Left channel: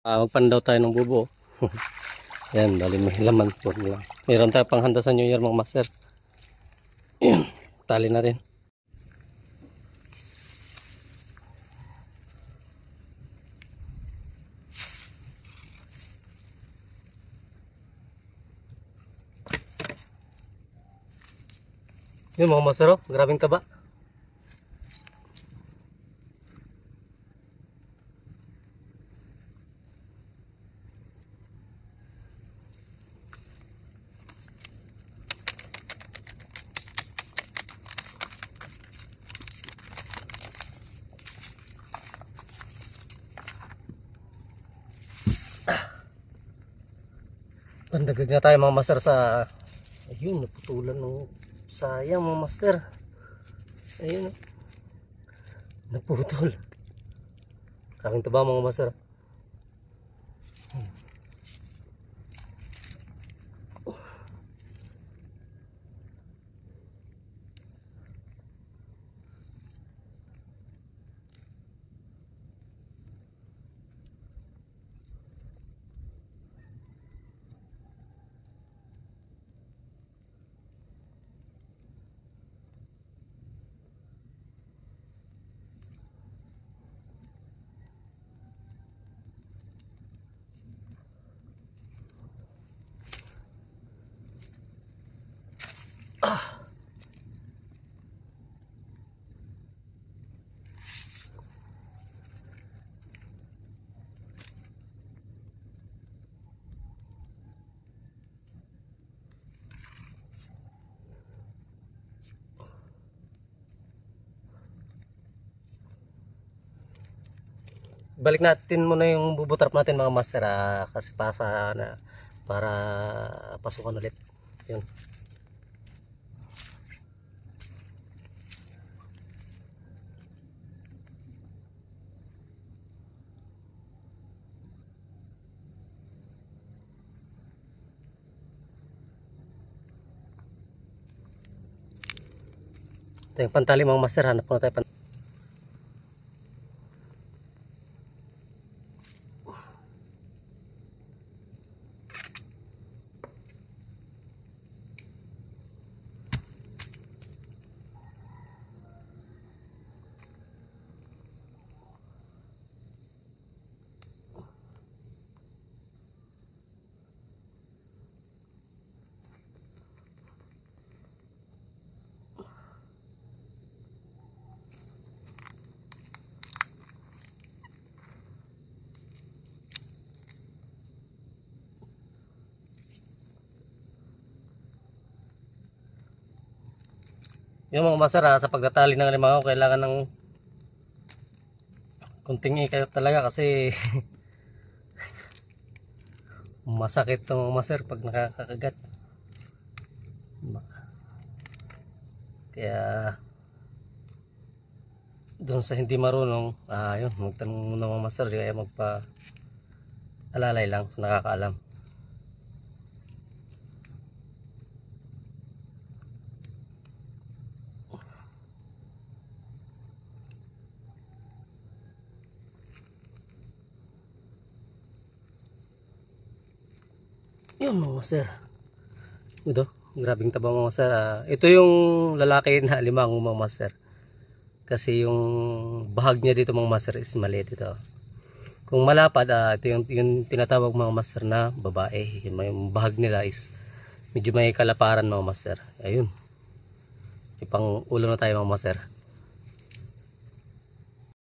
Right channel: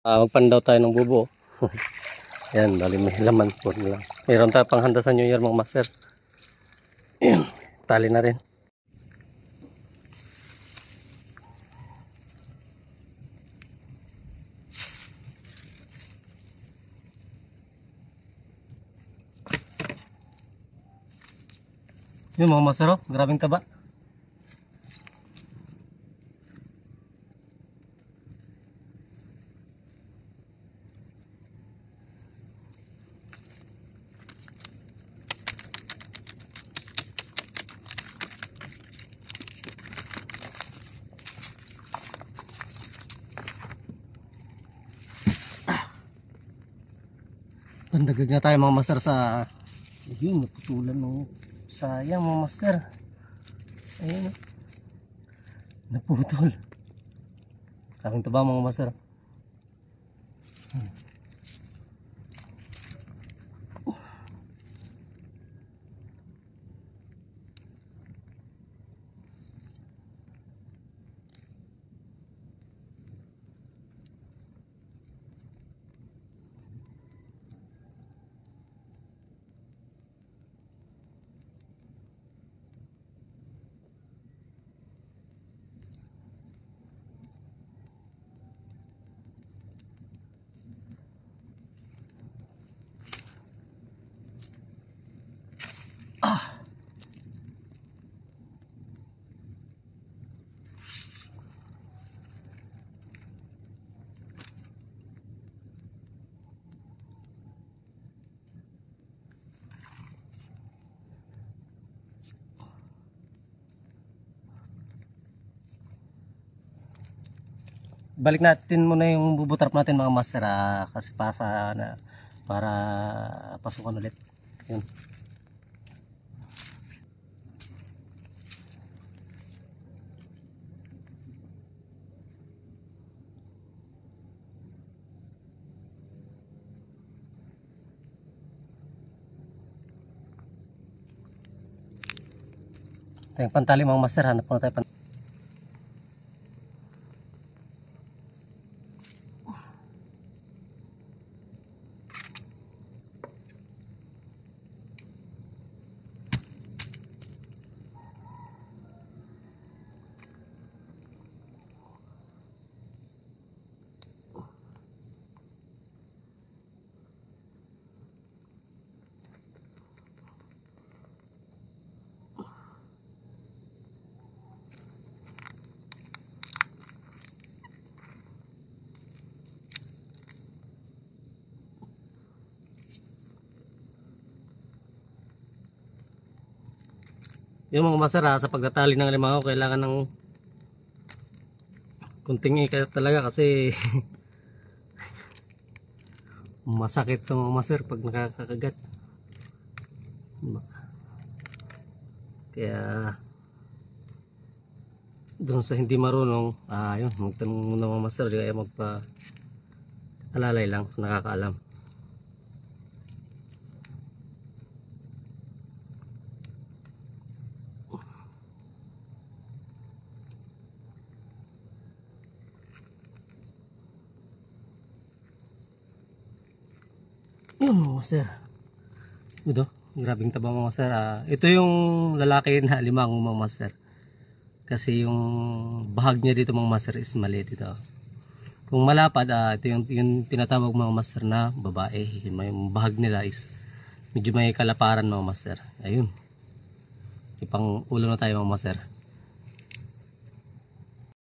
Magpandaw tayo ng bubo. Yan, bali may laman po lang. Mayroon tayo pang handa sa New Year mga master. Yan, tali na rin. Yun mga master, oh, grabing taba. Pandagdag na tayo mga master sa ayun, naputulan ng sayang mga master. Ayun, naputol. Kaming taba mga master. Balik natin muna yung bubutrap natin mga master, kasi para pasukan ulit. Yun. Ito yung pantali mga master, hanap muna tayo pantali. Yung mga master, sa pagtatali ng alimango kailangan ng kunting ikat talaga kasi masakit itong mga master pag nakakagat. Kaya doon sa hindi marunong, yun, magtanong muna mga master, kaya magpa-alalay lang sa nakakaalam. Yun mga master. Ito, grabing taba mga master. Ito yung lalaki na limang mga master. Kasi yung bahag niya dito mga master is maliit ito. Kung malapad, ito yung tinatawag mga master na babae. Yung bahag nila is medyo may kalaparan mga master. Ayun. Ipang ulo na tayo mga master.